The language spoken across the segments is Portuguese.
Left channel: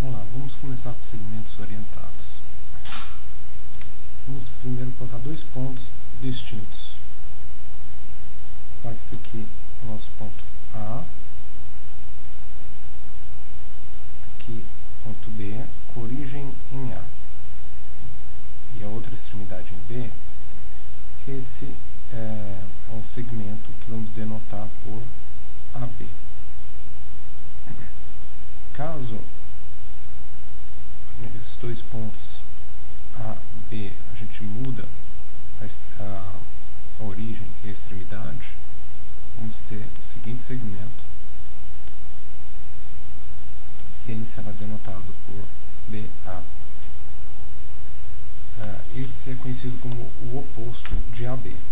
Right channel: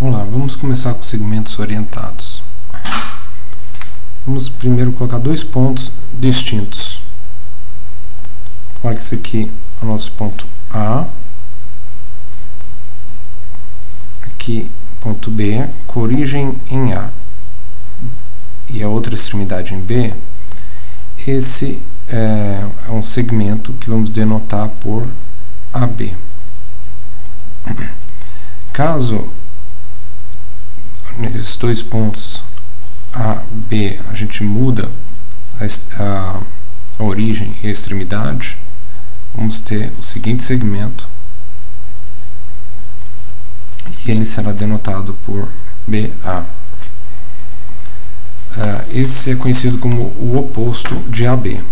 Vamos lá, vamos começar com segmentos orientados. Vamos primeiro colocar dois pontos distintos. Olha que esse aqui é o nosso ponto A, aqui ponto B, com origem em A, e a outra extremidade em B. Esse é um segmento que vamos denotar por AB. Caso nesses dois pontos A, B, a gente muda a origem e a extremidade, vamos ter o seguinte segmento, e ele será denotado por BA. Esse é conhecido como o oposto de AB.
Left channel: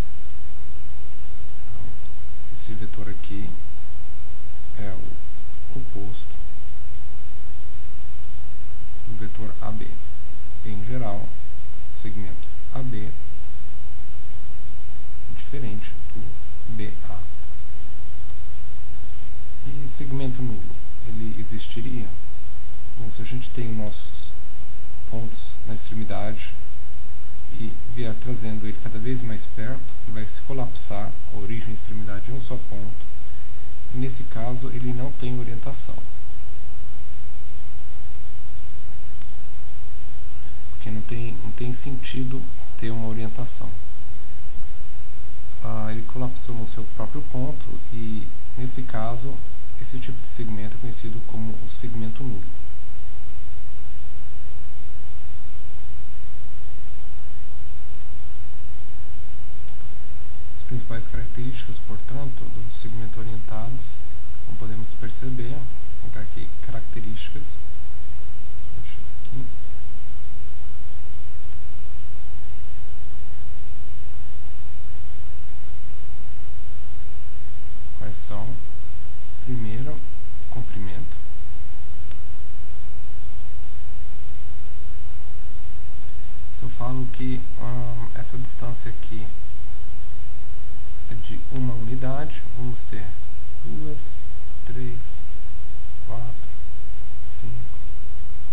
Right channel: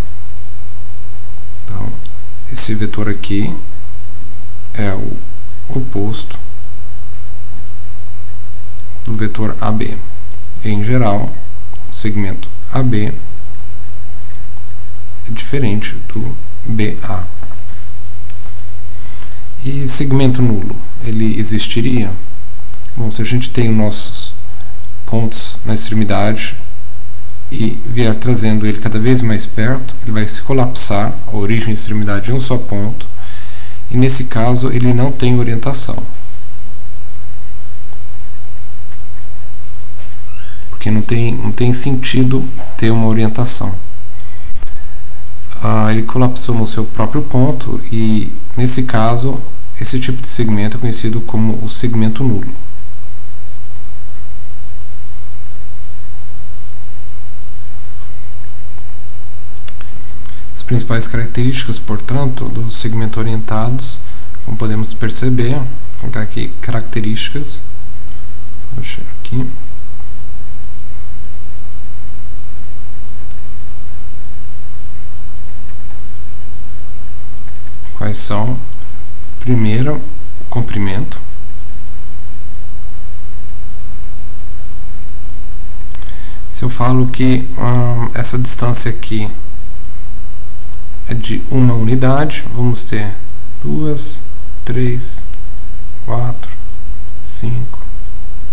Então, esse vetor aqui é o oposto do vetor AB. Em geral, o segmento AB é diferente do BA. E segmento nulo, ele existiria? Bom, se a gente tem nossos pontos na extremidade e vier trazendo ele cada vez mais perto, ele vai se colapsar, a origem e a extremidade em um só ponto, e nesse caso ele não tem orientação. Porque não tem sentido ter uma orientação. Ele colapsou no seu próprio ponto e, nesse caso, esse tipo de segmento é conhecido como o segmento nulo. As principais características, portanto, dos segmentos orientados, como podemos perceber, vou colocar aqui características, vou chegar aqui. Quais são? Primeiro, o comprimento. Se eu falo que essa distância aqui é de uma unidade, vamos ter 2, 3, 4, 5,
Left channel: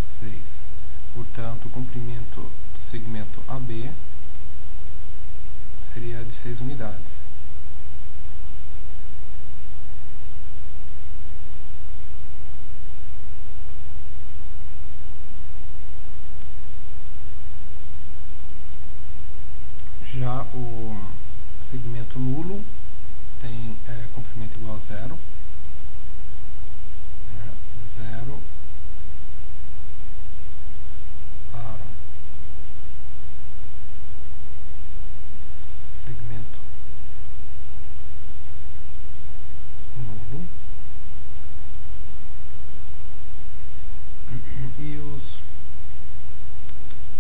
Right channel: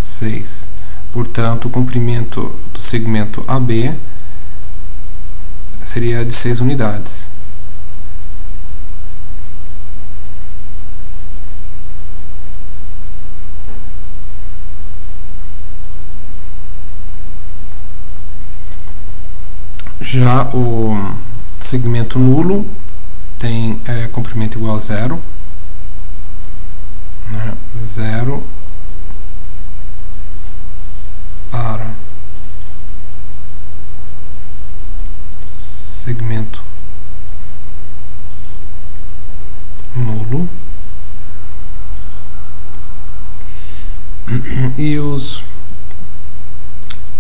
6. Portanto, o comprimento do segmento AB seria de 6 unidades. Já o segmento nulo tem comprimento igual a zero, né? Zero para segmento nulo, e os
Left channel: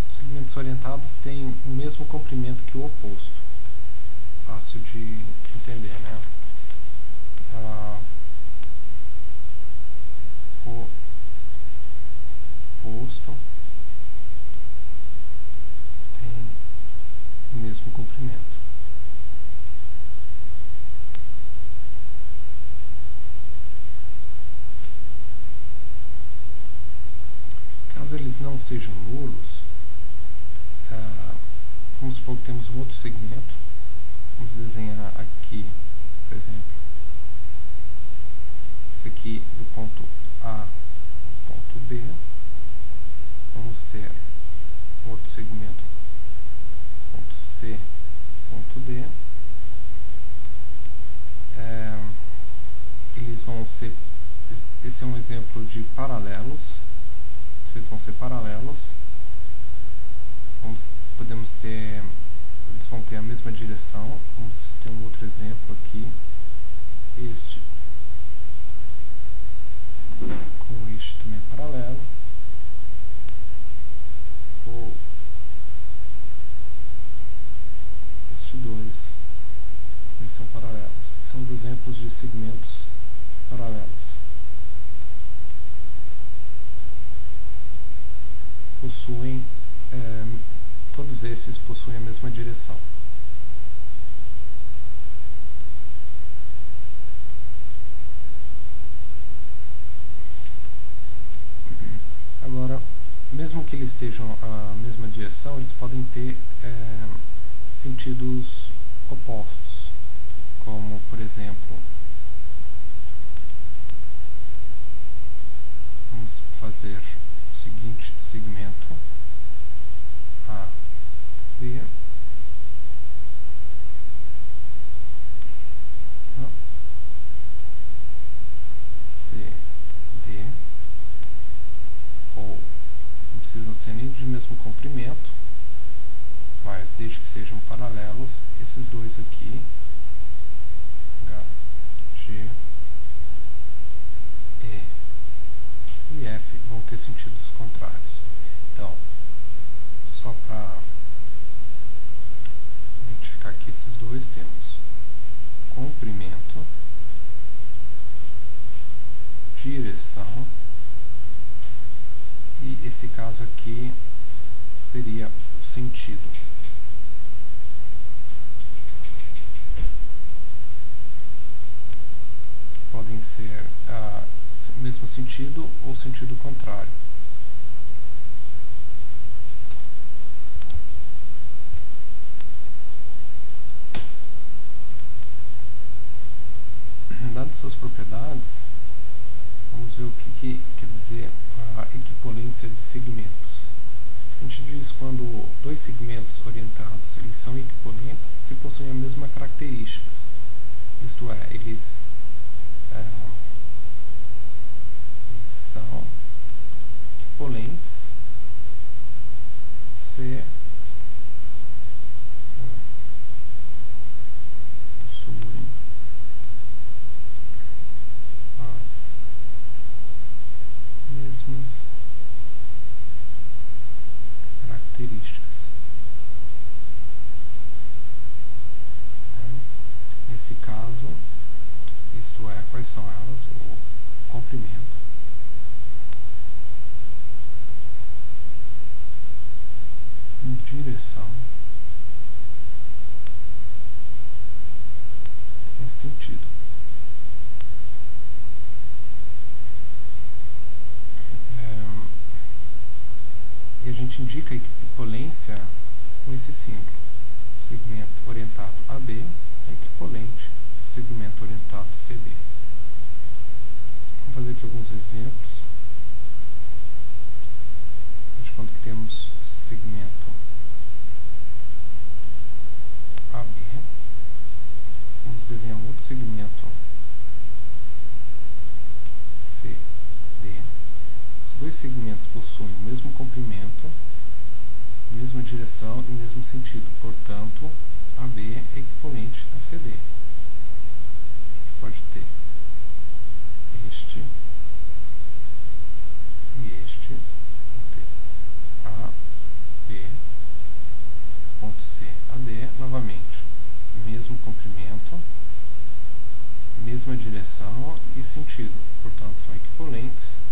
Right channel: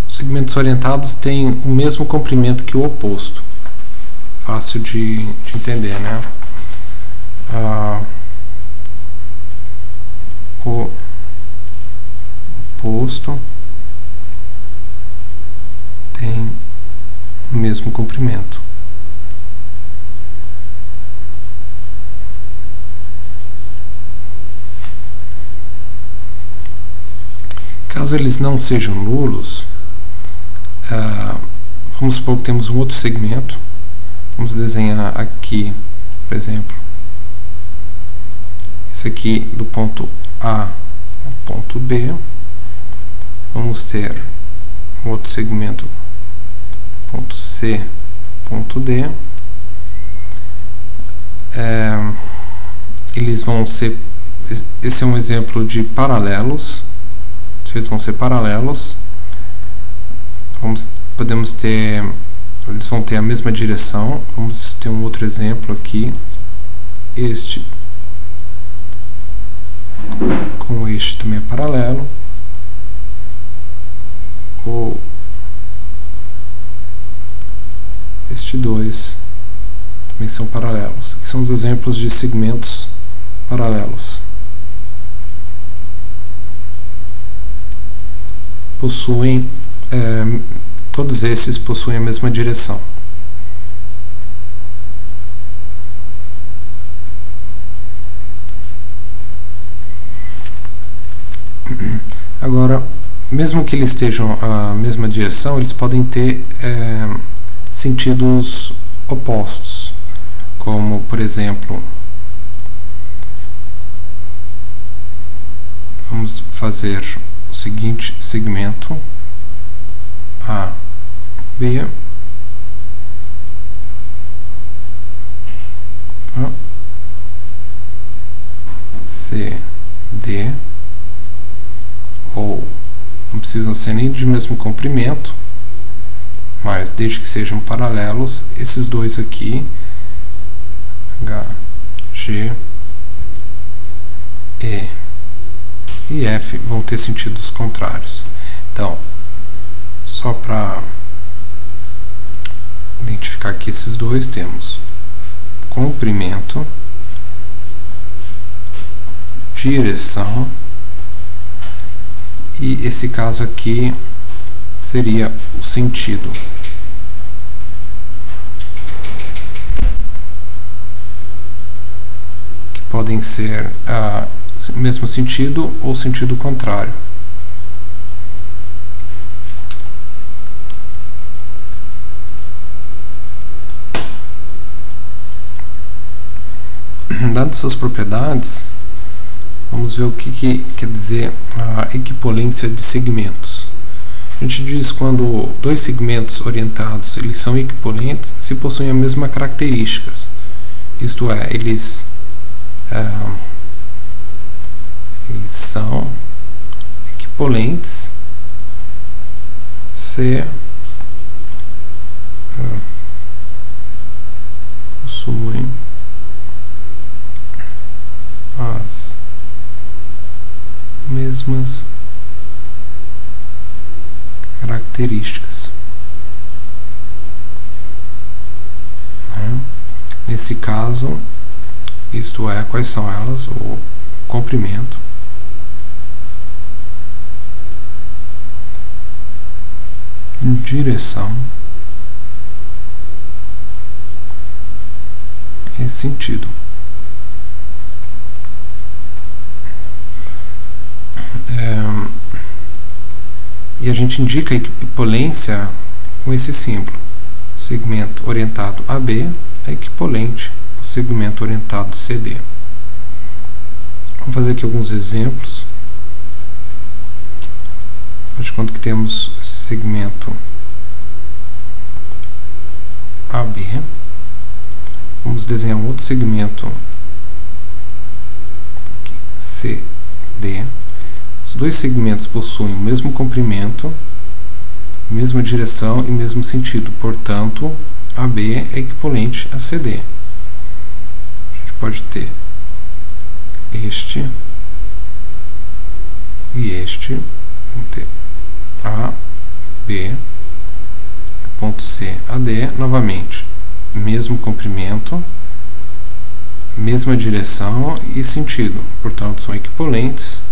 segmentos orientados têm o mesmo comprimento que o oposto. Fácil de entender, né? O oposto tem o mesmo comprimento. Caso eles não sejam nulos, vamos supor que temos um outro segmento. Vamos desenhar aqui, por exemplo, esse aqui do ponto A ao ponto B. Vamos ter um outro segmento, ponto C, ponto D. Eles vão ser, esse é um exemplo de paralelos. Eles vão ser paralelos. Podemos ter, eles vão ter a mesma direção. Vamos ter um outro exemplo aqui, este com este também é paralelo, ou este dois também são paralelos. Aqui são os exemplos de segmentos paralelos. Todos esses possuem a mesma direção. Agora, mesmo que eles estejam a mesma direção, eles podem ter sentidos opostos, como, por exemplo, vamos fazer o seguinte segmento: A, B, C, D, ou não precisam ser nem de mesmo comprimento, mas desde que sejam paralelos, esses dois aqui, H, G, E e F, vão ter sentidos contrários. Então, só para identificar aqui esses dois, temos comprimento, direção, e esse caso aqui seria o sentido. Que podem ser mesmo sentido ou sentido contrário. Dadas suas propriedades, vamos ver o que quer dizer a equipolência de segmentos. A gente diz quando dois segmentos orientados eles são equipolentes se possuem as mesmas características. Isto é, eles são equipolentes se possuem as mesmas características. Nesse caso, isto é, quais são elas? O comprimento, direção e sentido. E a gente indica a equipolência com esse símbolo. Segmento orientado AB é equipolente ao segmento orientado CD. Vamos fazer aqui alguns exemplos. Faz de conta que temos segmento AB. Vamos desenhar um outro segmento aqui, CD. Os dois segmentos possuem o mesmo comprimento, mesma direção e mesmo sentido. Portanto, AB é equivalente a CD. A gente pode ter este e este. Vamos ter A, B, ponto C, AD, novamente. Mesmo comprimento, mesma direção e sentido. Portanto, são equivalentes.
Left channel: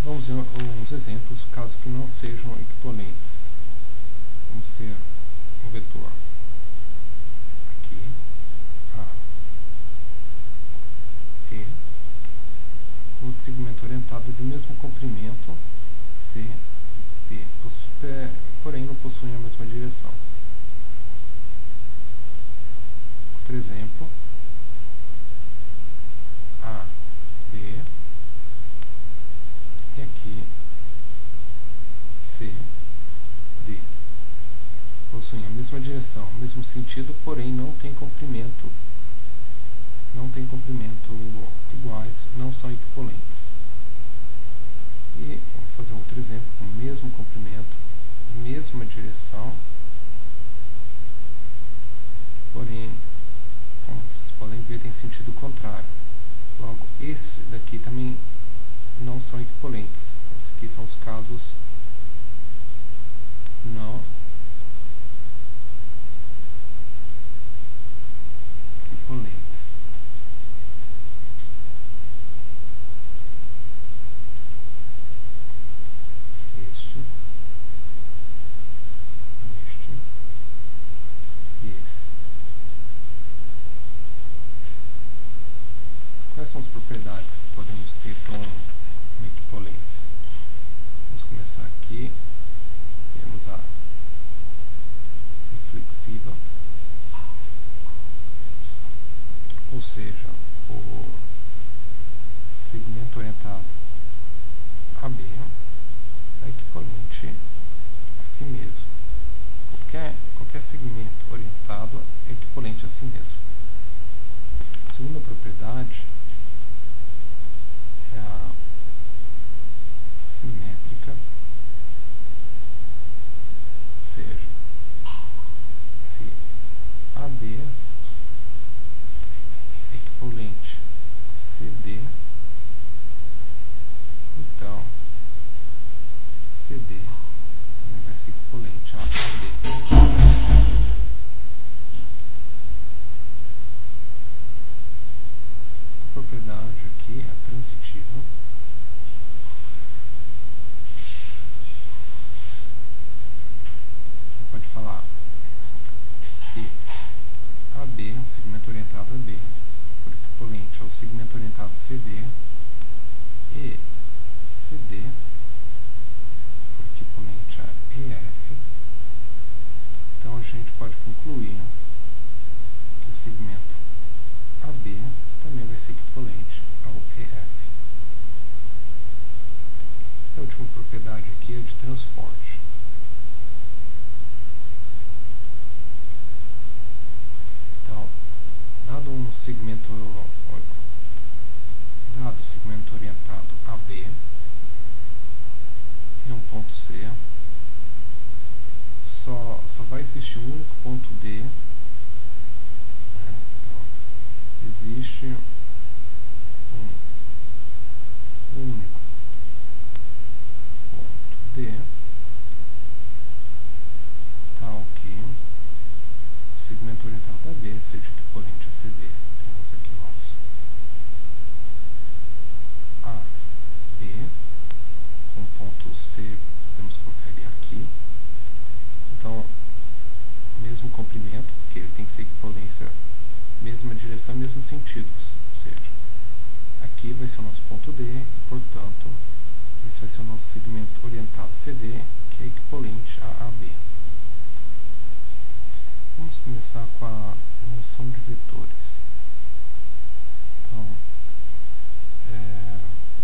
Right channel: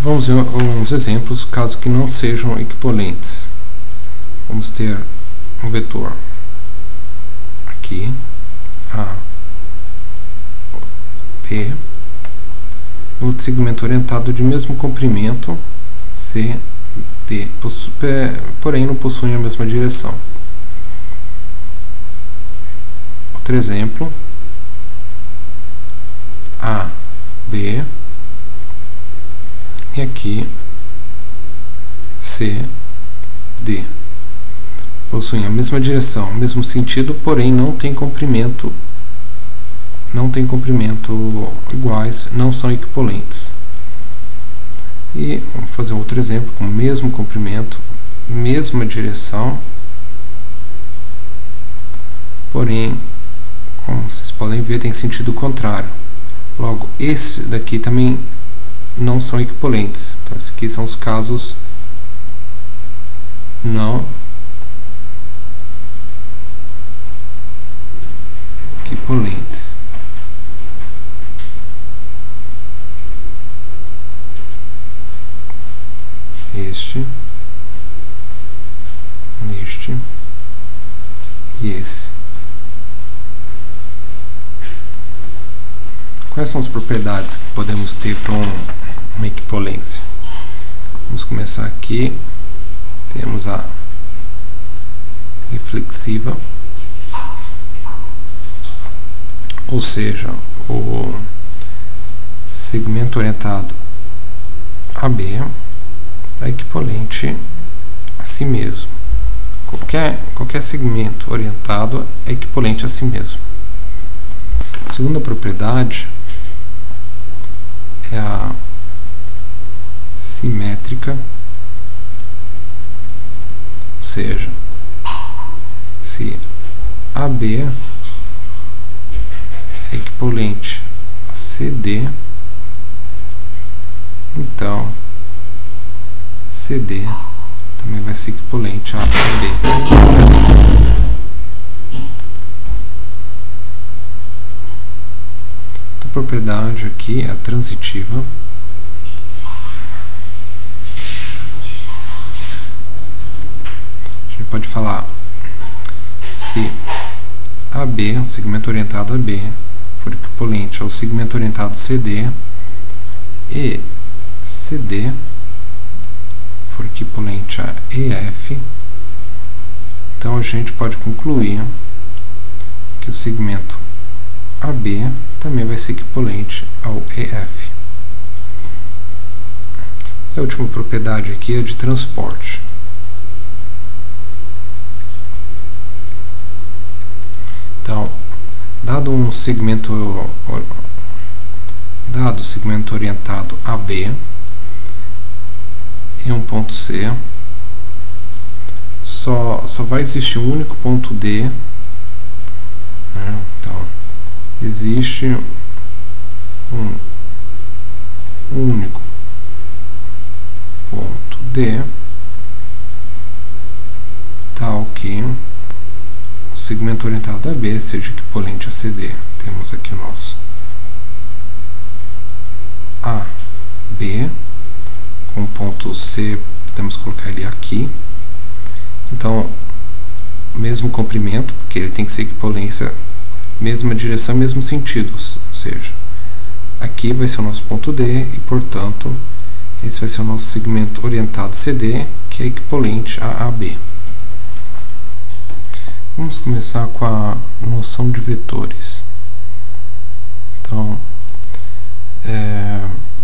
Vamos ver uns exemplos, caso que não sejam equivalentes. Vamos ter um vetor aqui, A, B, outro segmento orientado de mesmo comprimento, C, D, porém não possuem a mesma direção. Outro exemplo, A, B, e aqui C, D. Possuem a mesma direção, mesmo sentido, porém não tem comprimento iguais, não são equivalentes. E vamos fazer outro exemplo com o mesmo comprimento, mesma direção, porém, como vocês podem ver, tem sentido contrário. Logo, esse daqui também não são equivalentes. Então, esses aqui são os casos não equivalentes. Este, este e esse. Quais são as propriedades que podemos ter para um uma equipolência. Vamos começar aqui. Temos a reflexiva, ou seja, o segmento orientado AB é equivalente a si mesmo. Qualquer segmento orientado é equivalente a si mesmo. A segunda propriedade é a simétrica, ou seja, se AB é equivalente a CD, então CD também vai ser equivalente a AB. A propriedade aqui é a transitiva. A gente pode falar se AB, o segmento orientado AB, for equivalente ao segmento orientado CD e CD for equivalente a EF, então a gente pode concluir que o segmento AB também vai ser equivalente ao EF. E a última propriedade aqui é de transporte. Então, dado o segmento orientado AB em um ponto C, só vai existir um único ponto D, né? Então, existe um único ponto D, tal que o segmento orientado a B seja equivalente a CD. Temos aqui o nosso AB, com o ponto C, podemos colocar ele aqui. Então, mesmo comprimento, porque ele tem que ser equivalência, mesma direção, mesmo sentido, ou seja, aqui vai ser o nosso ponto D e, portanto, esse vai ser o nosso segmento orientado CD, que é equivalente a AB. Vamos começar com a noção de vetores. Então,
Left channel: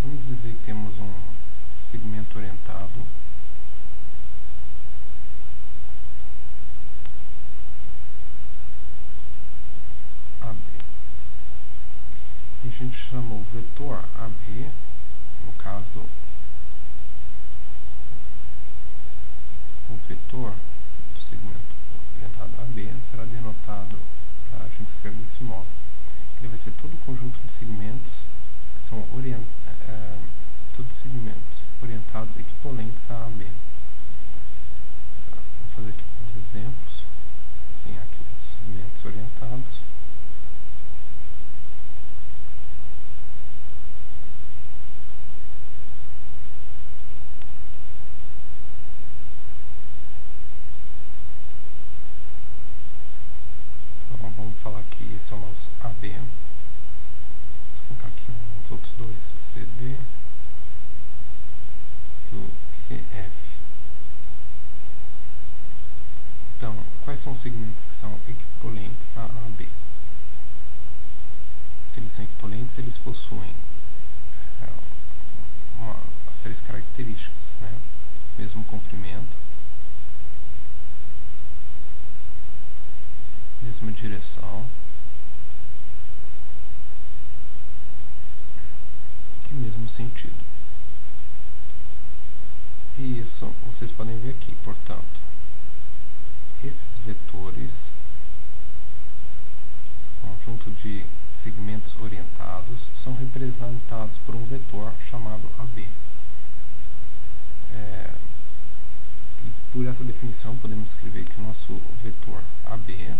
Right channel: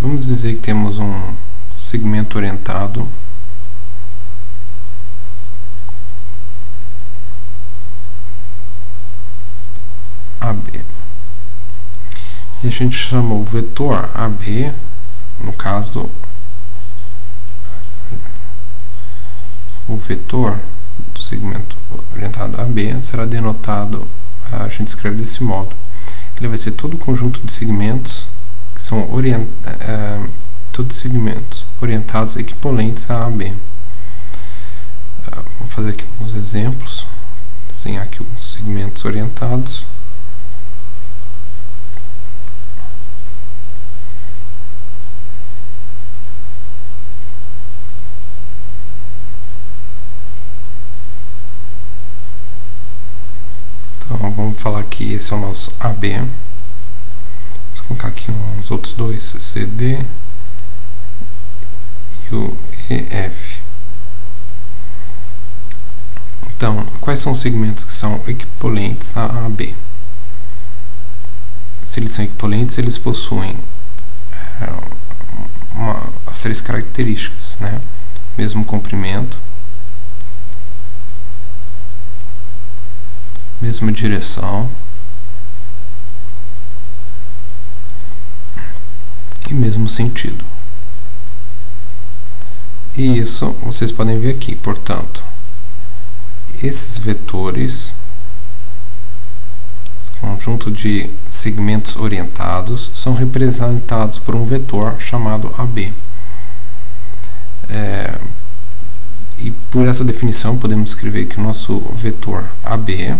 vamos dizer que temos um segmento orientado AB. E a gente chama o vetor AB, no caso, o vetor do segmento orientado AB será denotado, a gente escreve desse modo. Ele vai ser todo o conjunto de segmentos que são todos segmentos orientados equivalentes a AB. Vou fazer aqui uns exemplos, desenhar aqui alguns segmentos orientados. Então vamos falar que esse é o nosso AB. Vamos colocar aqui uns outros dois, CD e o EF. Então, quais são os segmentos que são equivalentes a AB? Se eles são equivalentes, eles possuem as três características, né? Mesmo comprimento, mesma direção e mesmo sentido. E isso vocês podem ver aqui. Portanto, esses vetores, esse conjunto de segmentos orientados, são representados por um vetor chamado AB. E por essa definição podemos escrever que o nosso vetor AB,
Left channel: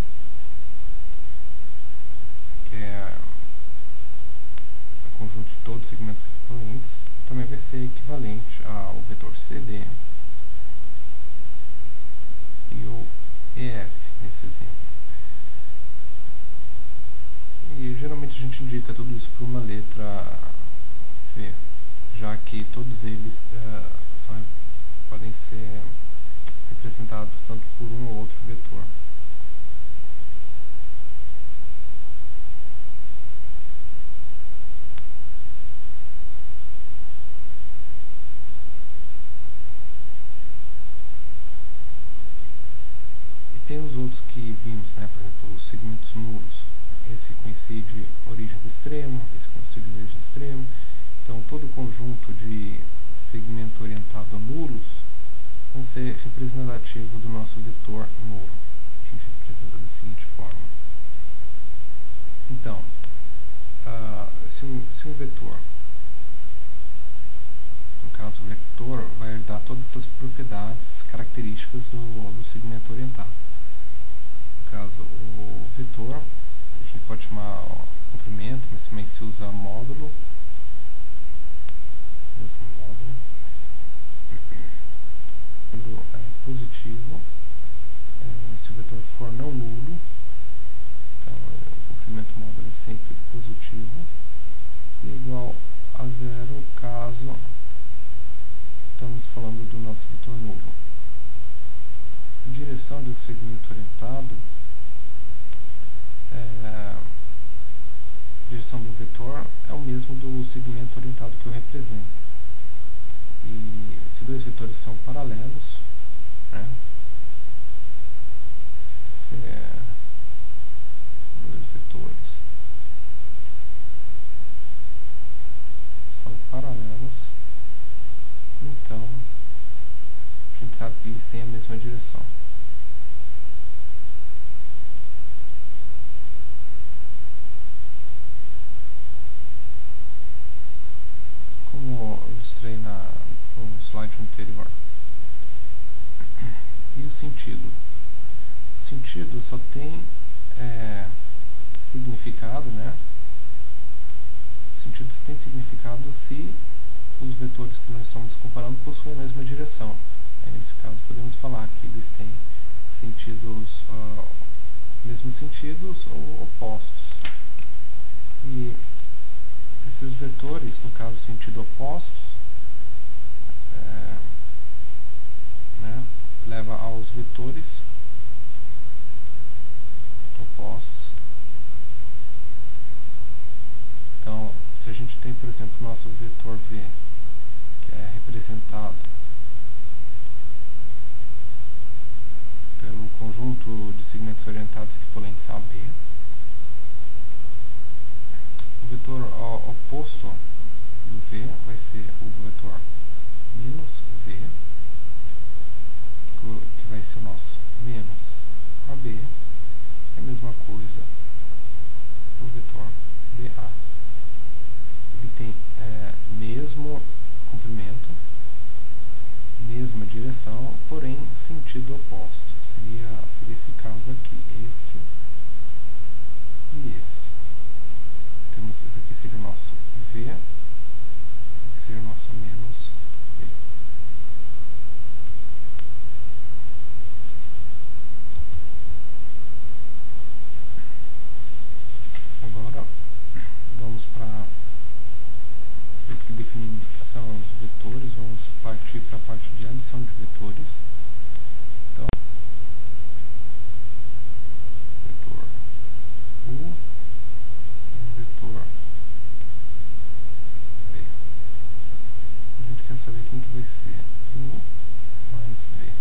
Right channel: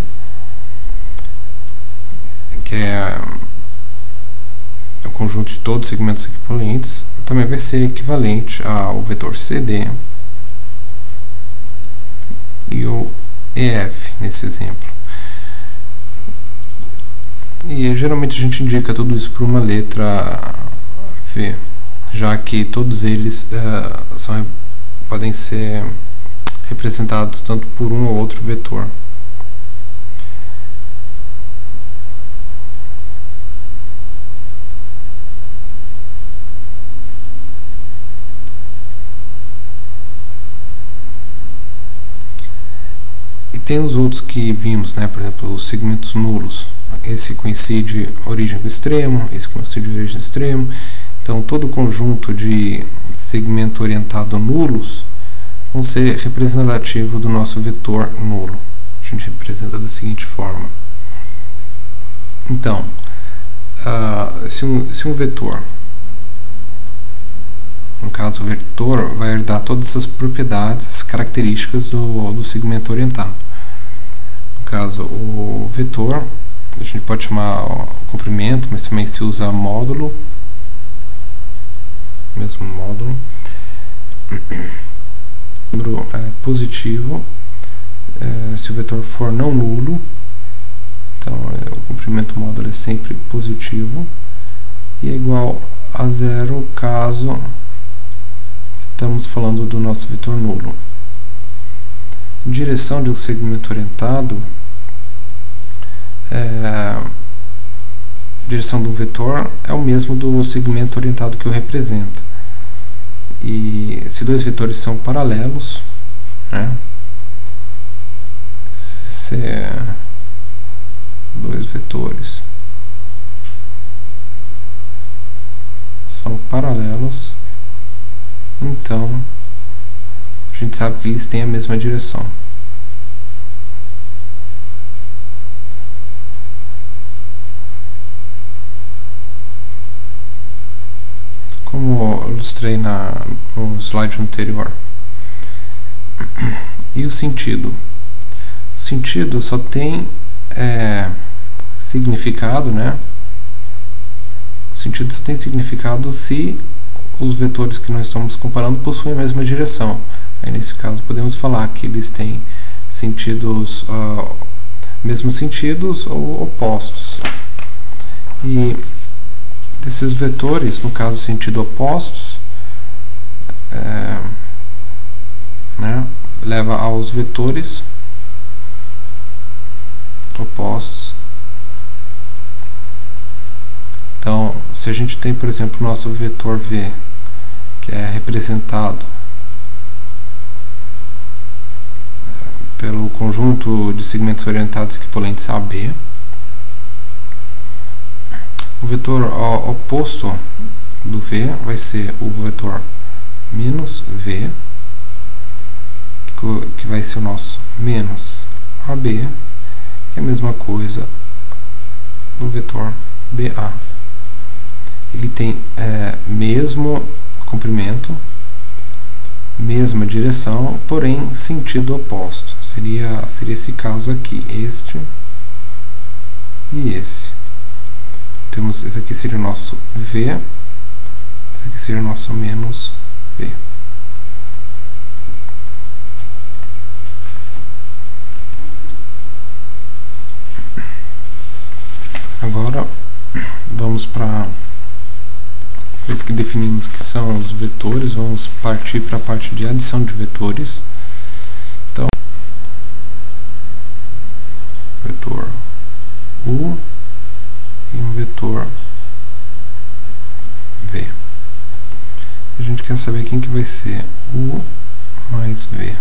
que é o conjunto de todos os segmentos equivalentes, também vai ser equivalente ao vetor CD e o EF nesse exemplo. E geralmente a gente indica tudo isso por uma letra V. A já que todos eles podem ser representados tanto por um ou outro vetor. E tem os outros que vimos, né? Por exemplo, os segmentos nulos. Esse coincide origem com extremo, esse coincide origem extremo. Então, todo o conjunto de segmento orientado nulos vão ser representativo do nosso vetor nulo. A gente representa da seguinte forma. Então, se um vetor, no caso o vetor, vai herdar todas essas propriedades, as características do segmento orientado. No caso, o vetor, a gente pode chamar comprimento, mas também se usa módulo, mesmo módulo. Número positivo, se o vetor for não nulo, então o comprimento módulo é sempre positivo, e é igual a zero caso estamos falando do nosso vetor nulo. Direção de um segmento orientado, direção do vetor é o mesmo do segmento orientado que o representa. E se dois vetores são paralelos, né? Se dois vetores são paralelos, então a gente sabe que eles têm a mesma direção. Como eu ilustrei no slide anterior. E o sentido? O sentido só tem significado, né? O sentido só tem significado se os vetores que nós estamos comparando possuem a mesma direção. Aí, nesse caso, podemos falar que eles têm sentidos, mesmos sentidos ou opostos. E desses vetores, no caso sentido opostos, né, leva aos vetores opostos. Então, se a gente tem, por exemplo, o nosso vetor V, que é representado pelo conjunto de segmentos orientados equivalentes a B, o vetor oposto do V vai ser o vetor menos V, que vai ser o nosso menos AB, que é a mesma coisa do vetor BA. Ele tem mesmo comprimento, mesma direção, porém sentido oposto. Seria esse caso aqui, este e esse. Temos, esse aqui seria o nosso V, esse aqui seria o nosso menos V. Agora vamos para isso que definimos que são os vetores, vamos partir para a parte de adição de vetores. Então, vetor U e um vetor V. A gente quer saber quem que vai ser U mais V.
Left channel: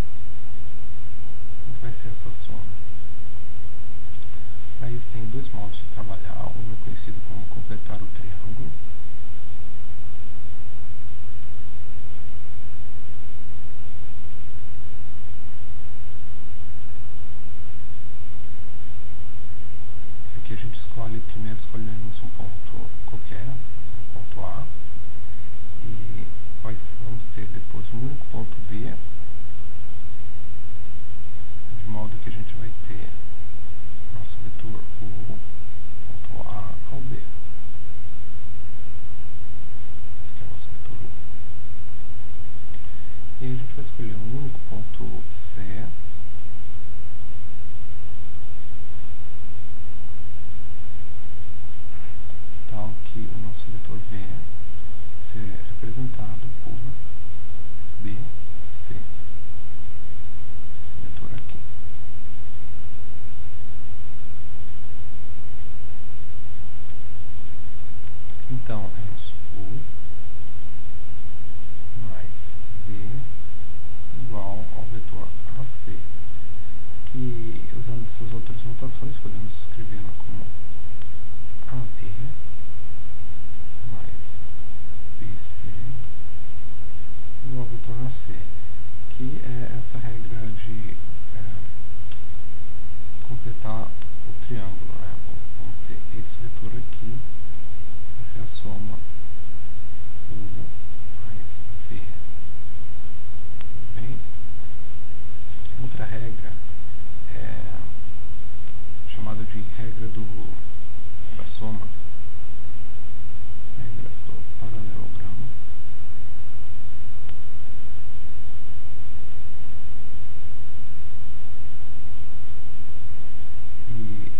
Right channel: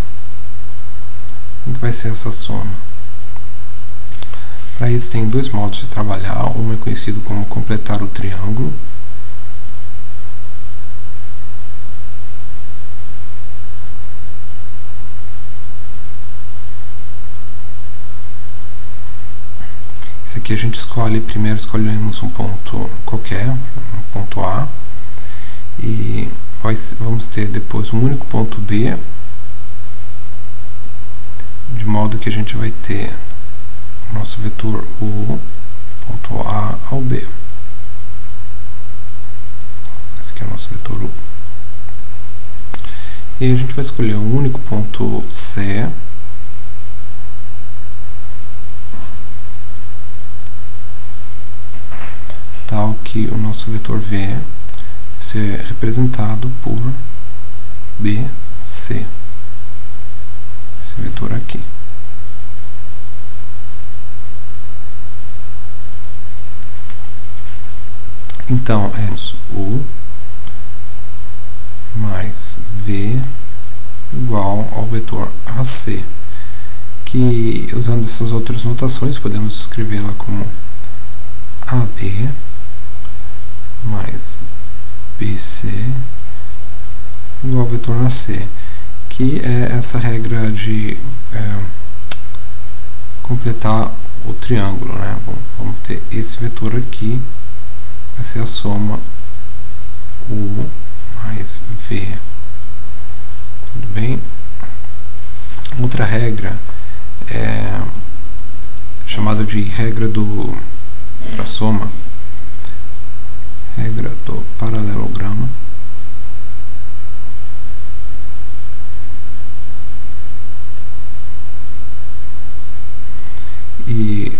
Quem que vai ser essa soma? Para isso tem dois modos de trabalhar. Um é conhecido como completar o triângulo. Esse aqui a gente escolhe, primeiro escolhemos um ponto qualquer, um ponto A, e vamos ter depois um único ponto B, de modo que a gente vai ter o nosso vetor U, ponto A ao B. Esse aqui é o nosso vetor U. E a gente vai escolher um único ponto C, tal que o nosso vetor V ser representado por BC, esse vetor aqui. Então, é U mais V igual ao vetor AC, que, usando essas outras notações, podemos escrevê-la como AB mais BC igual ao vetor AC, que é essa regra de completar o triângulo, né? Bom, vamos ter esse vetor aqui, vai ser a soma U mais V. Tudo bem? Outra regra é chamada de regra para soma, regra do paralelogramo. E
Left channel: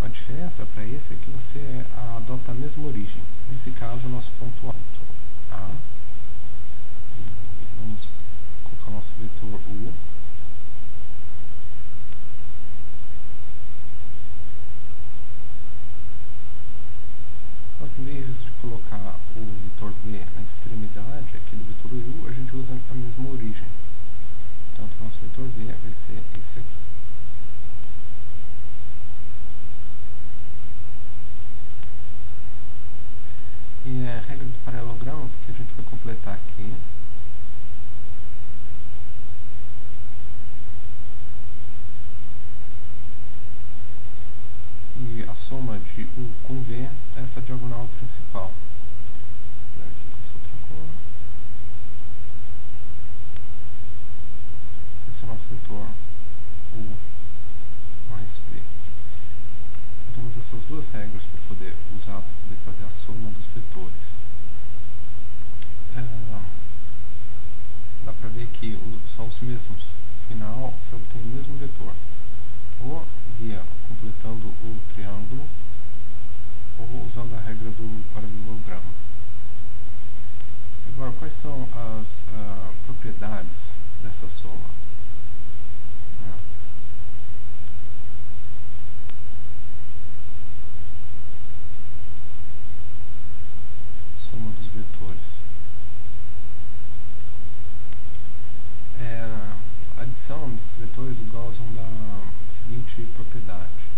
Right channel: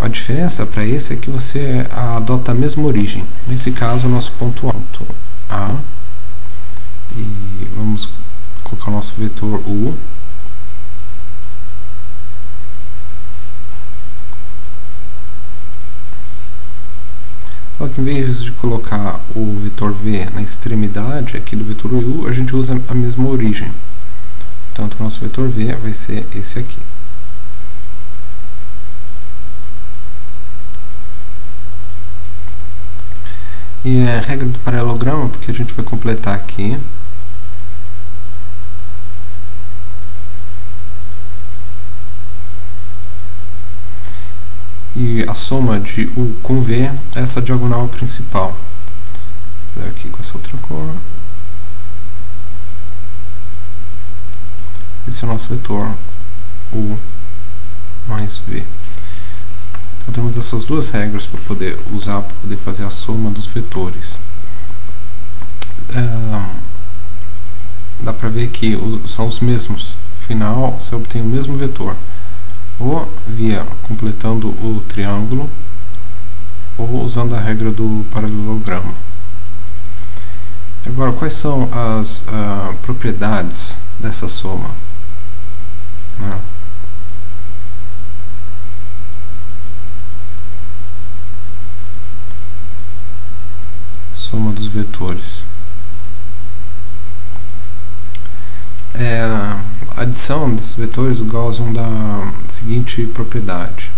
a diferença para esse é que você adota a mesma origem. Nesse caso, o nosso ponto alto A, e vamos colocar o nosso vetor U. Só que em vez de colocar o vetor V na extremidade aqui do vetor U, a gente usa a mesma origem. Portanto, o nosso vetor V vai ser esse aqui. E a regra do paralelogramo, porque a gente vai completar aqui. E a soma de U com V é essa diagonal principal. Vou dar aqui com essa outra cor. Esse é o nosso vetor U mais V. Então temos essas duas regras para poder usar, para poder fazer a soma dos vetores. Dá para ver que são os mesmos. No final, você obtém o mesmo vetor, ou completando o triângulo, ou usando a regra do paralelogramo. Agora, quais são as propriedades dessa soma? Soma dos vetores. A adição desses vetores, o Gaussian dá a seguinte propriedade:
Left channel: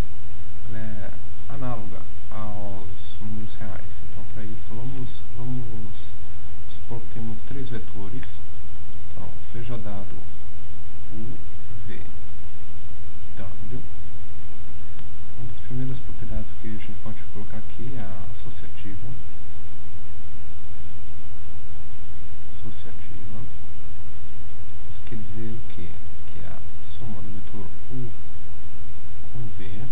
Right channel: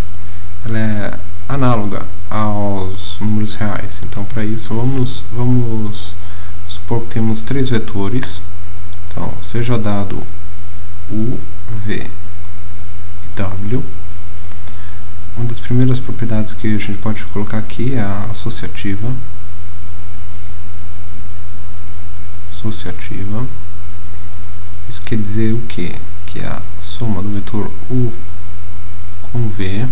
ela é análoga aos números reais. Então, para isso, vamos supor que temos três vetores. Então, seja dado U, V e W. Uma das primeiras propriedades que a gente pode colocar aqui é a associativa. Isso quer dizer o quê? Que a soma do vetor U com V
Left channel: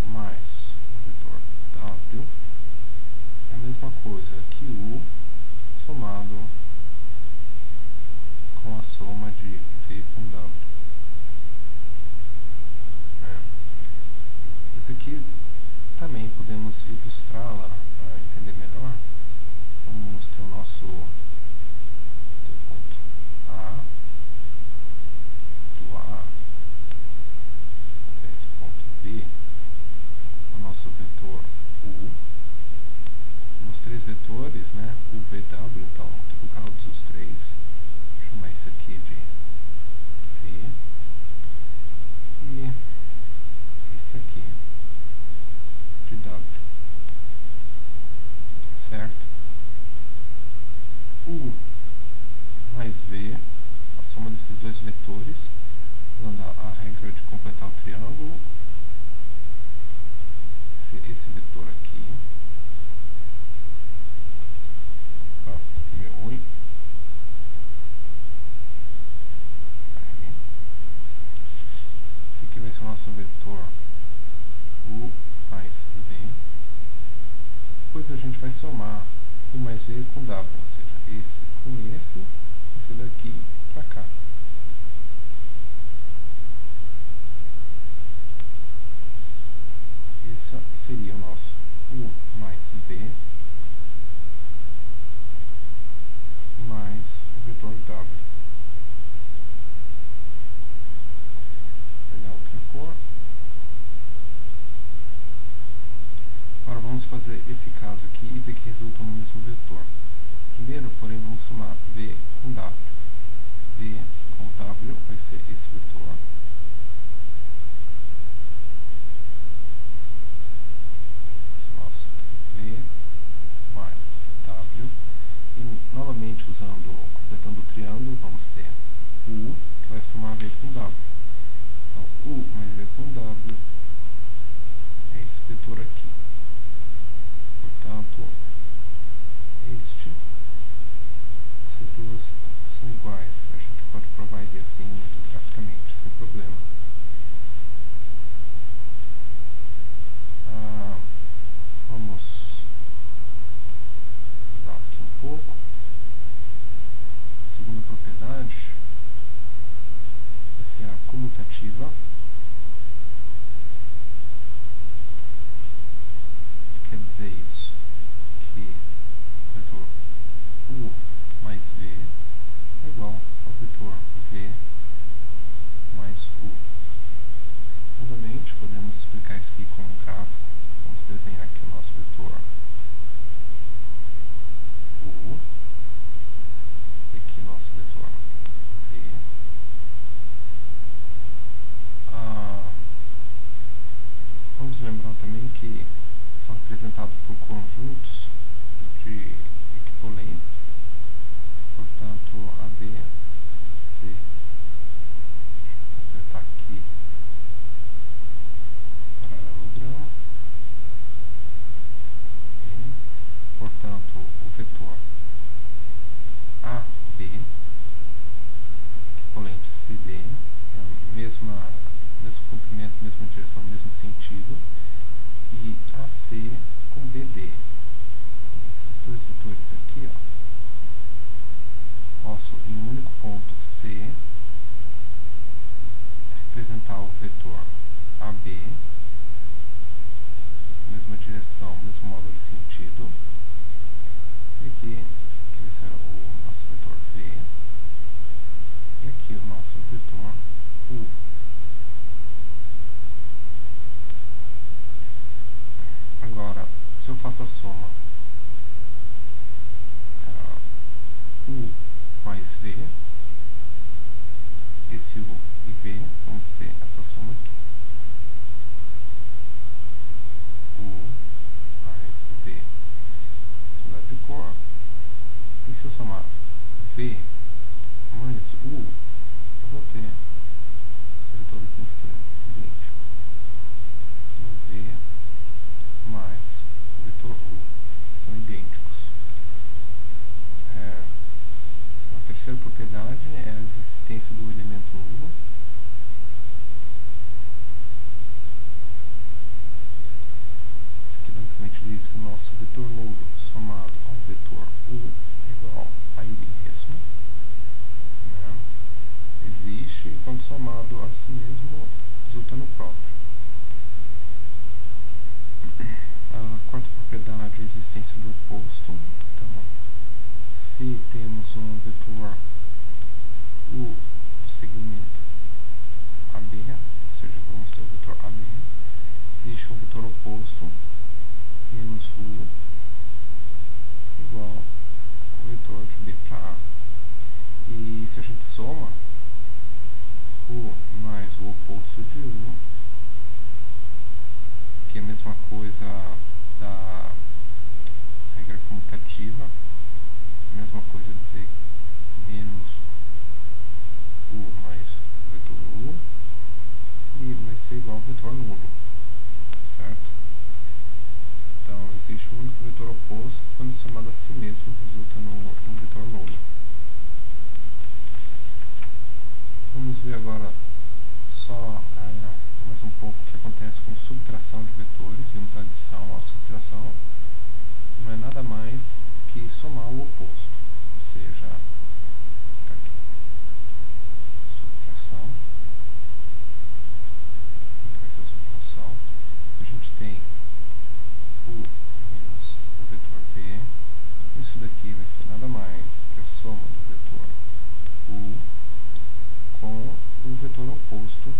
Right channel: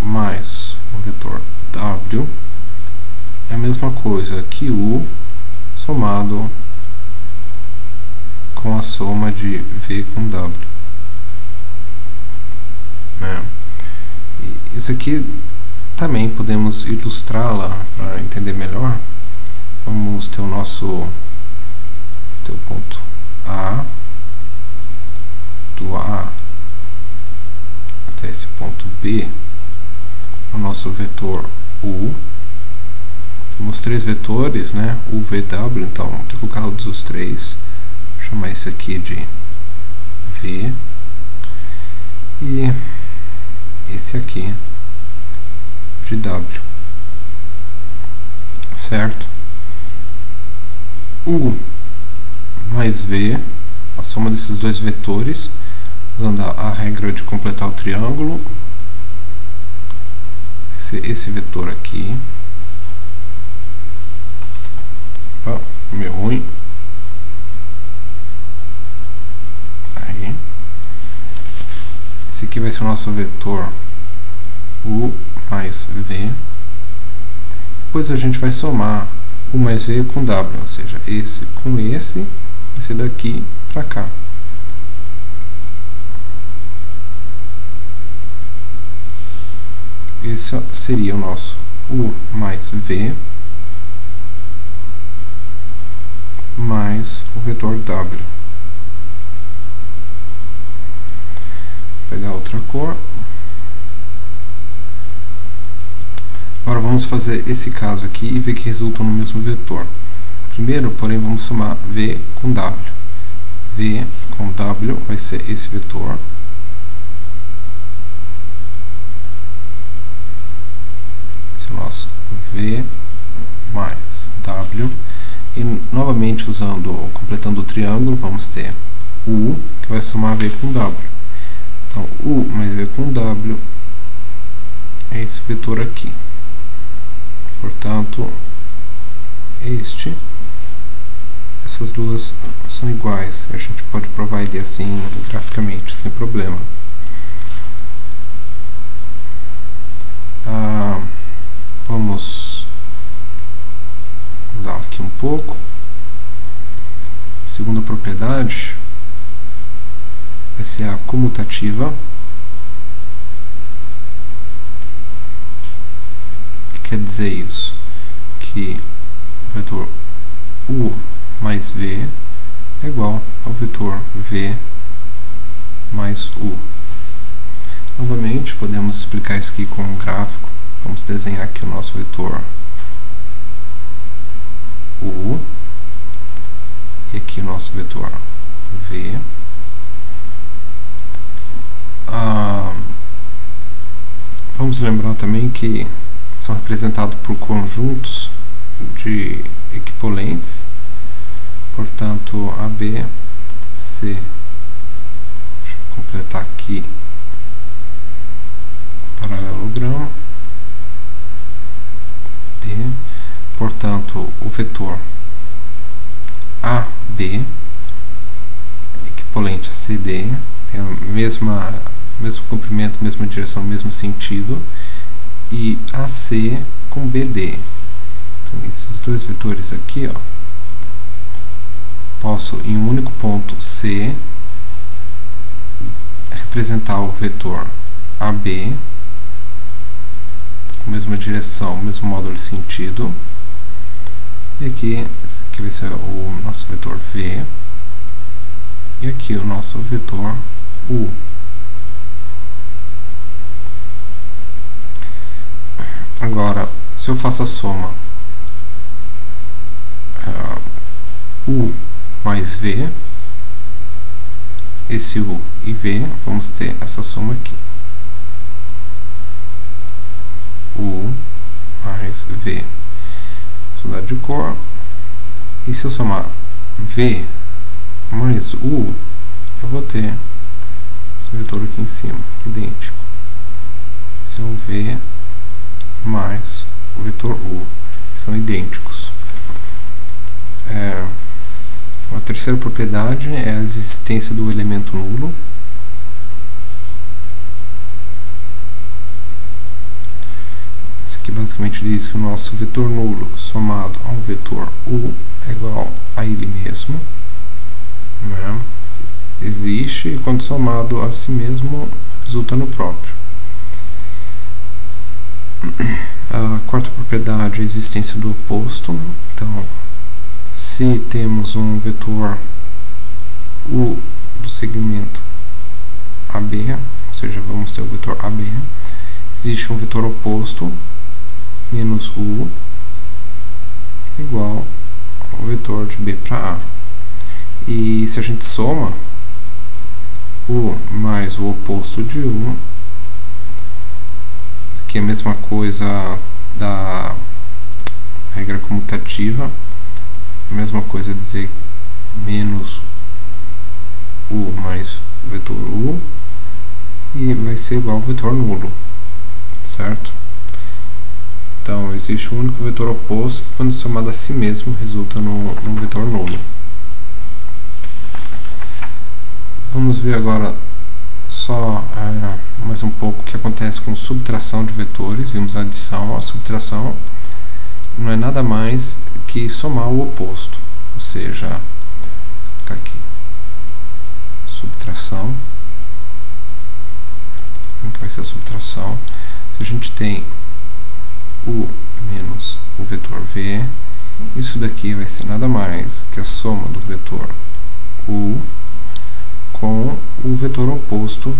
mais o vetor W é a mesma coisa que U somado com a soma de V com W. E isso aqui também podemos ilustrá-la para entender melhor. Vamos ter o nosso ponto A, do A até esse ponto B, o nosso vetor U. Temos três vetores, né? U, V, W, então tem que colocar todos os três. Vou chamar esse aqui de V. E esse aqui de W. Certo? U mais V, a soma desses dois vetores, usando a regra de completar o triângulo, vai ser esse vetor aqui. Opa, ficou meio ruim. Aí. Esse aqui vai ser o nosso vetor U mais V. Depois a gente vai somar U mais V com W, ou seja, esse com esse daqui para cá. Esse seria o nosso U mais V o vetor W. Vou pegar outra cor. Agora vamos fazer esse caso aqui e ver que resultam no mesmo vetor. Primeiro, porém, vamos somar V com W. V com W vai ser esse vetor. Esse é o nosso V mais W. E, novamente, completando o triângulo, vamos ter U, que vai somar V com W. Então, U mais V com W é esse vetor aqui. Portanto, essas duas são iguais. A gente pode provar ele assim graficamente, sem problema. Vamos mudar aqui um pouco. A segunda propriedade vai ser a comutativa. O que quer dizer isso? Que o vetor U mais V é igual ao vetor V mais U. Novamente, podemos explicar isso aqui com um gráfico. Vamos desenhar aqui o nosso vetor U e aqui o nosso vetor V. Vamos lembrar também que são representados por conjuntos de equipolentes. Portanto, AB, C, deixa eu completar aqui o paralelogramo, D, portanto, o vetor AB, equipolente a CD, tem a mesmo comprimento, mesma direção, mesmo sentido, e AC com BD. Então, esses dois vetores aqui, ó, posso, em um único ponto C, representar o vetor AB, com a mesma direção, mesmo módulo de sentido, e aqui, esse aqui vai ser o nosso vetor V, e aqui o nosso vetor U. Agora, se eu faço a soma U mais V, esse U e V, vamos ter essa soma aqui. U mais V. Vou mudar de cor. E se eu somar V mais U, eu vou ter esse vetor aqui em cima, idêntico. Esse é o V mais o vetor U, que são idênticos. A terceira propriedade é a existência do elemento nulo. Isso aqui basicamente diz que o nosso vetor nulo somado a um vetor U é igual a ele mesmo, né? Existe, e quando somado a si mesmo resulta no próprio. A quarta propriedade é a existência do oposto. Então, se temos um vetor U do segmento AB, ou seja, vamos ter o vetor AB, existe um vetor oposto, menos U, igual ao vetor de B para A. E se a gente soma U mais o oposto de U, isso aqui é a mesma coisa da regra comutativa, a mesma coisa dizer menos U mais o vetor U, e vai ser igual ao vetor nulo, certo? Então, existe um único vetor oposto que, quando somado a si mesmo, resulta no vetor nulo. Vamos ver agora só mais um pouco o que acontece com subtração de vetores. Vimos a adição. A subtração não é nada mais que somar o oposto, ou seja, vou colocar aqui, subtração. Como que vai ser a subtração? Se a gente tem U menos o vetor V Isso daqui vai ser nada mais que a soma do vetor U com o vetor oposto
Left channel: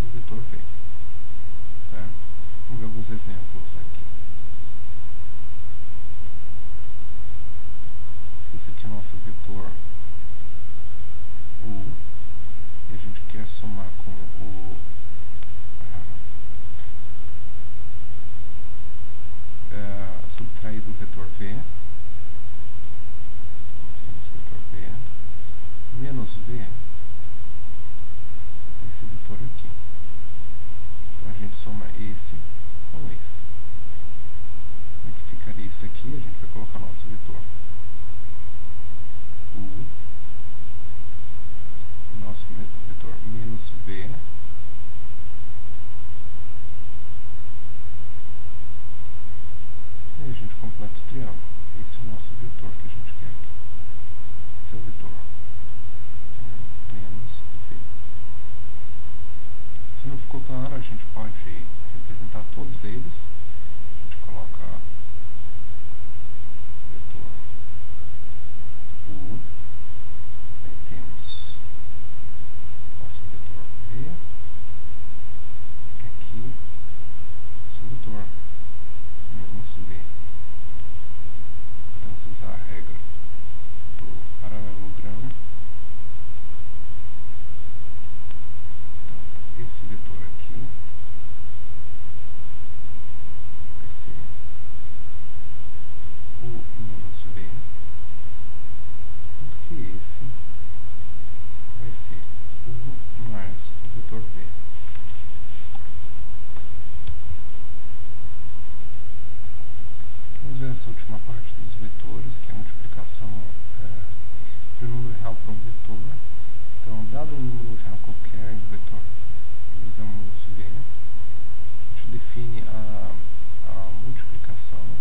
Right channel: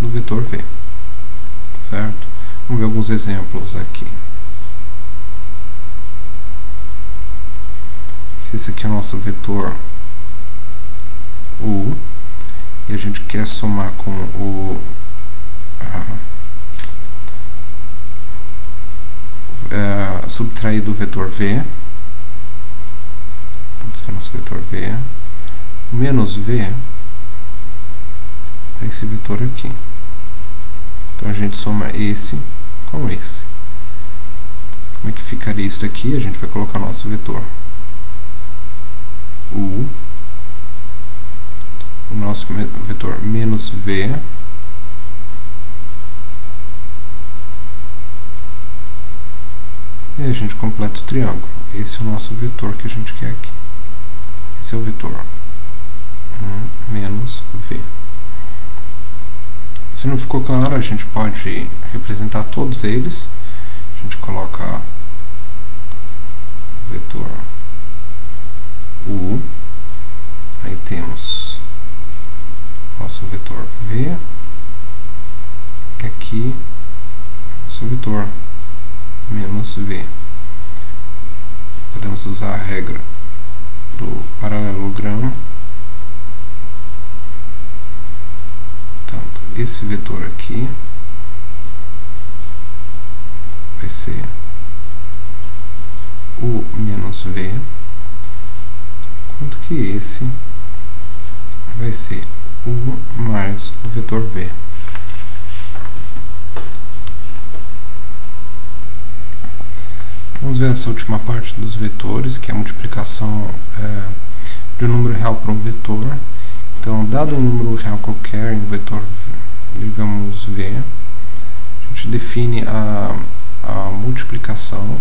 do vetor V, certo? Vamos ver alguns exemplos aqui. Se esse aqui é o nosso vetor U, e a gente quer somar com o subtrair do vetor V, esse é o nosso vetor V, menos V é esse vetor aqui. Então a gente soma esse com esse. Como é que ficaria isso daqui? A gente vai colocar nosso vetor U, o nosso vetor menos V, e a gente completa o triângulo. Esse é o nosso vetor que a gente quer aqui. Esse é o vetor menos V. Se não ficou claro, a gente pode representar todos eles. A gente coloca o vetor U, aí temos nosso vetor V, e aqui nosso vetor menos V. Podemos usar a regra do paralelogramo. Portanto, esse vetor aqui vai ser U menos V, enquanto que esse vai ser U mais o vetor V. Vamos ver essa última parte dos vetores, que é a multiplicação de um número real por um vetor. Então, dado um número real qualquer em um vetor, digamos V, a gente define a multiplicação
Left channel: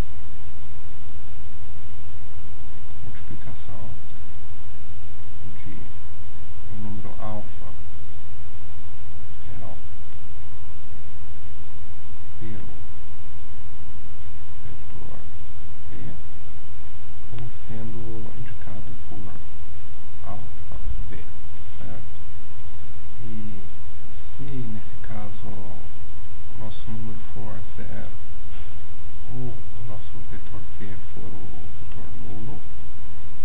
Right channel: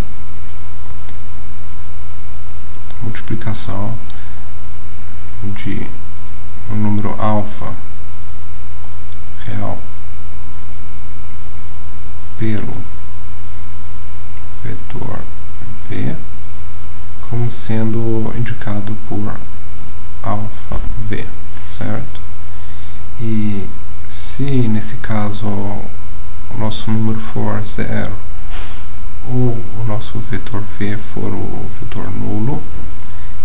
de um número alfa real pelo vetor V como sendo indicado por alfa V, certo? E se nesse caso o nosso número for 0 ou o nosso vetor V for o vetor nulo,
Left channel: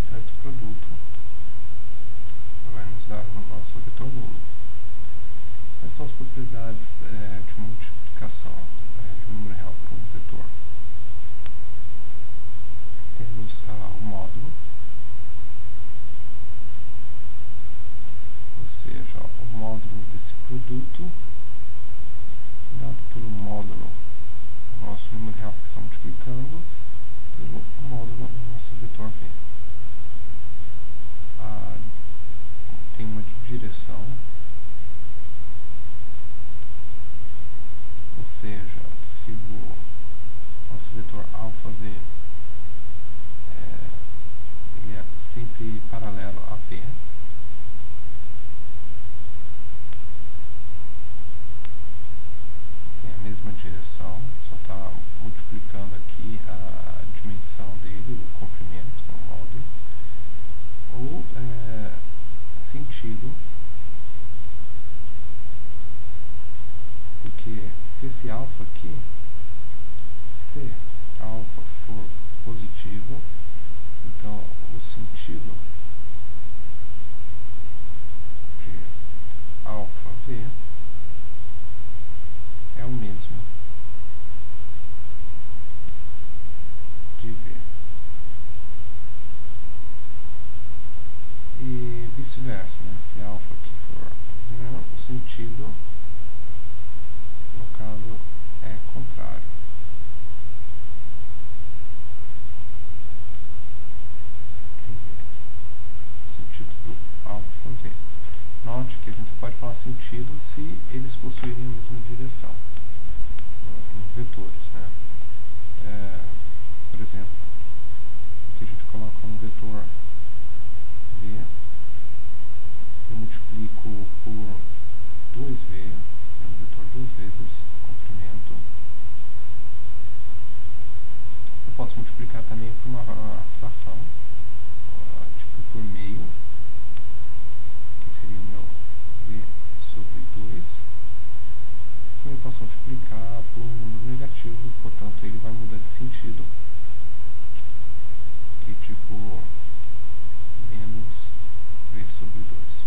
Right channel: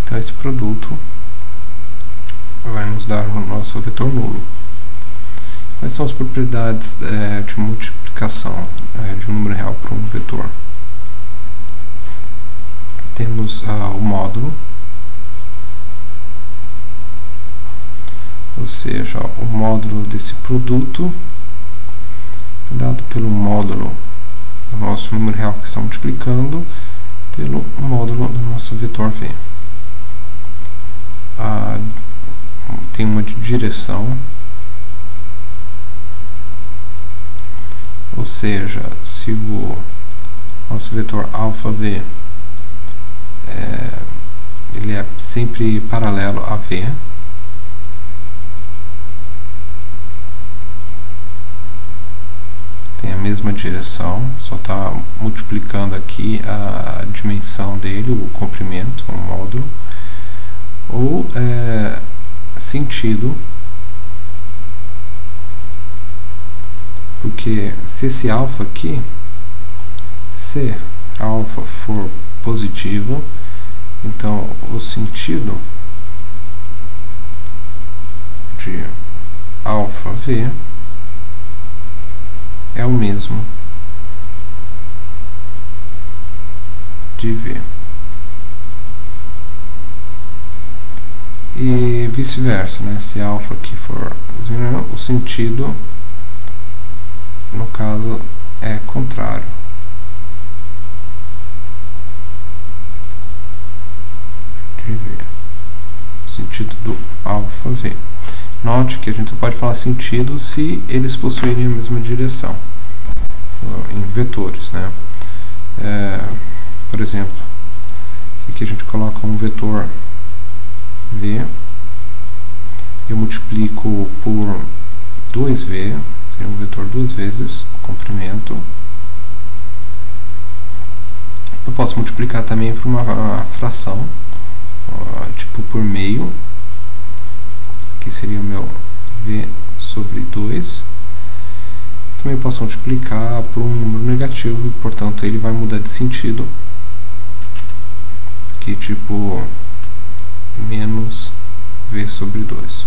então esse produto vai nos dar o nosso vetor nulo. Quais são as propriedades de multiplicação de um número real por um vetor? Temos o módulo, ou seja, o módulo desse produto é dado pelo módulo do nosso número real que está multiplicando pelo módulo do nosso vetor V. Tem uma direção, ou seja, se o nosso vetor alfa V ele é sempre paralelo a V, tem a mesma direção, só está multiplicando aqui a dimensão dele, o comprimento, o módulo, ou sentido, porque se esse alfa aqui, se alfa for positivo, então o sentido de alfa V é o mesmo de V. E vice-versa, né? Se alfa aqui for zero, o sentido, no caso, é contrário de V. O sentido do alfa V. Note que a gente só pode falar sentido se eles possuírem a mesma direção em vetores, né? Por exemplo, se aqui a gente coloca um vetor V, eu multiplico por 2V, seria um vetor duas vezes o comprimento, Eu posso multiplicar também por uma fração, tipo por meio. Aqui seria o meu v sobre 2. Também posso multiplicar por um número negativo, e portanto ele vai mudar de sentido. Aqui tipo menos v sobre 2.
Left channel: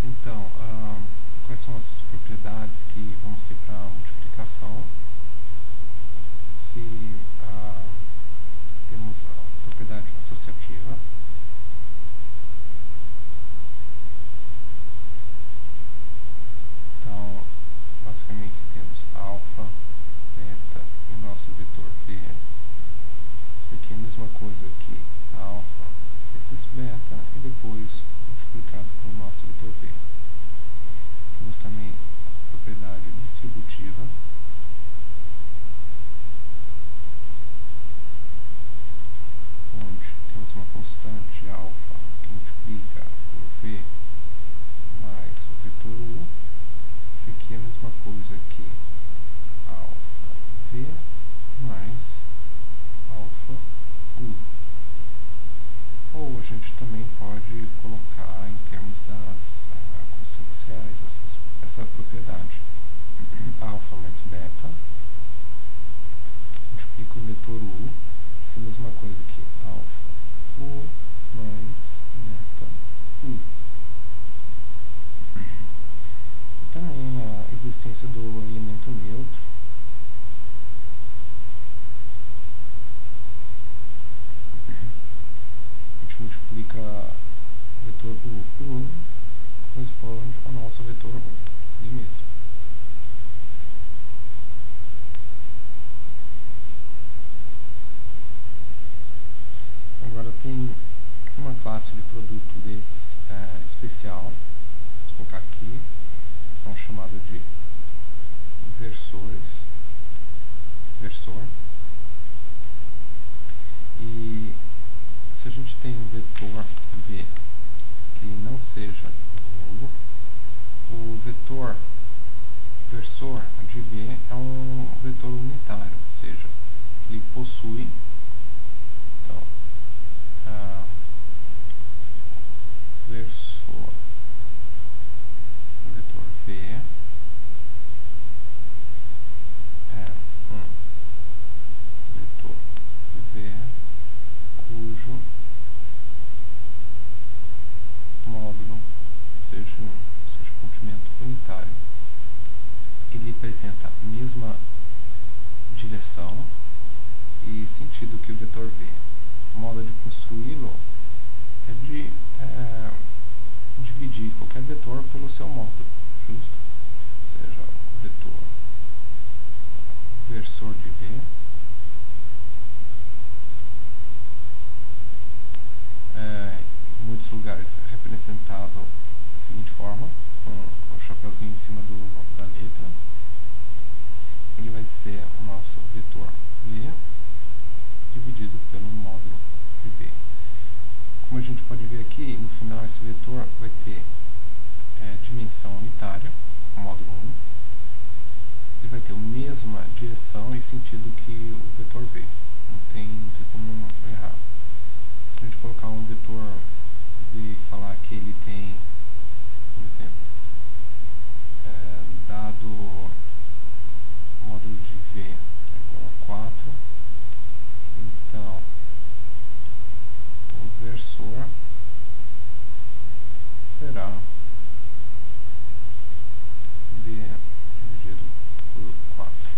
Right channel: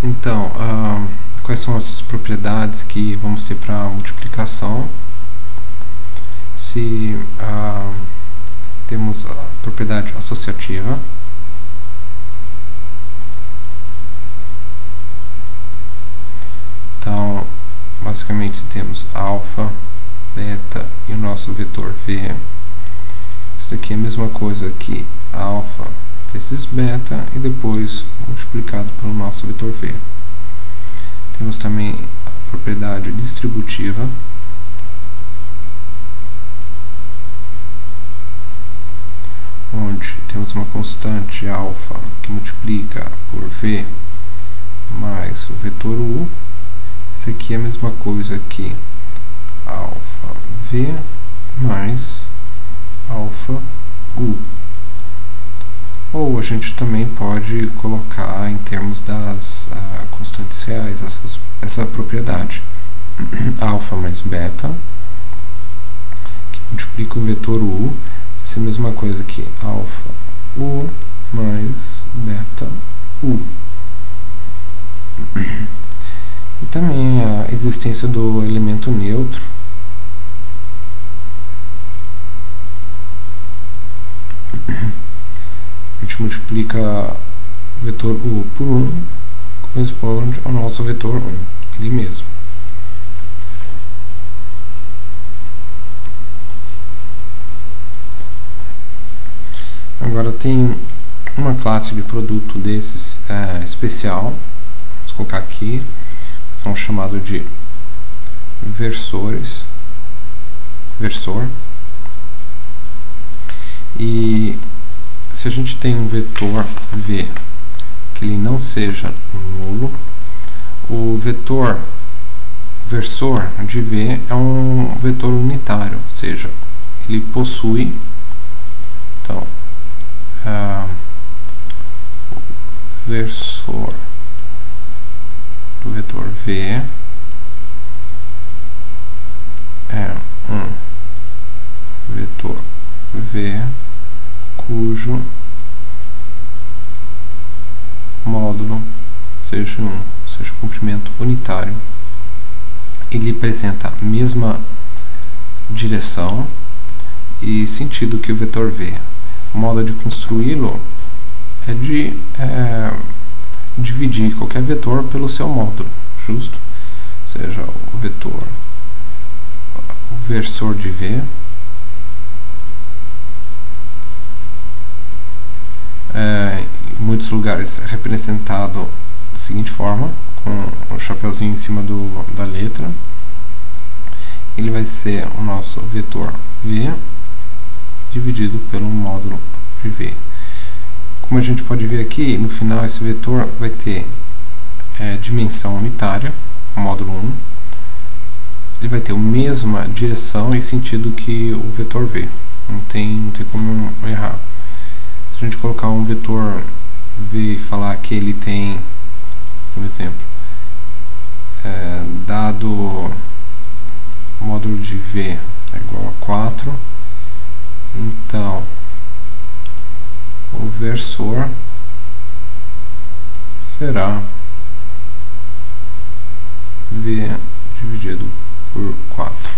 Então, quais são essas propriedades que vamos ter para multiplicação? Se temos a propriedade associativa, então basicamente se temos alfa, beta e o nosso vetor v, isso daqui é a mesma coisa que alfa vezes beta e depois multiplicado pelo nosso vetor v. Temos também a propriedade distributiva, onde temos uma constante alfa que multiplica por v mais o vetor u. Isso aqui é a mesma coisa que alfa v mais alfa u. Ou a gente também pode colocar em termos das constantes reais essa propriedade. Alfa mais beta, que multiplica o vetor u, vai ser a mesma coisa que alfa u mais beta u. E também a existência do elemento neutro. A gente multiplica o vetor u por 1, corresponde ao nosso vetor 1, ele mesmo. Agora tem uma classe de produto desses especial, vamos colocar aqui, são chamados de versor. E se a gente tem um vetor v que ele não seja nulo, o vetor versor de v é um vetor unitário, ou seja, ele possui, então, o versor do vetor v é um vetor v cujo módulo seja 1, ou seja, comprimento unitário. Ele apresenta a mesma direção e sentido que o vetor v. O modo de construí-lo é de dividir qualquer vetor pelo seu módulo, justo? Ou seja, o vetor, o versor de v em muitos lugares é representado da seguinte forma, com o chapeuzinho em cima da letra. Ele vai ser o nosso vetor v dividido pelo módulo de v. Como a gente pode ver aqui, no final esse vetor vai ter dimensão unitária, módulo 1. Ele vai ter a mesma direção e sentido que o vetor v. Não tem como errar. Se a gente colocar um vetor v e falar que ele tem, por exemplo, dado o módulo de v é igual a 4, então o versor será v dividido por 4.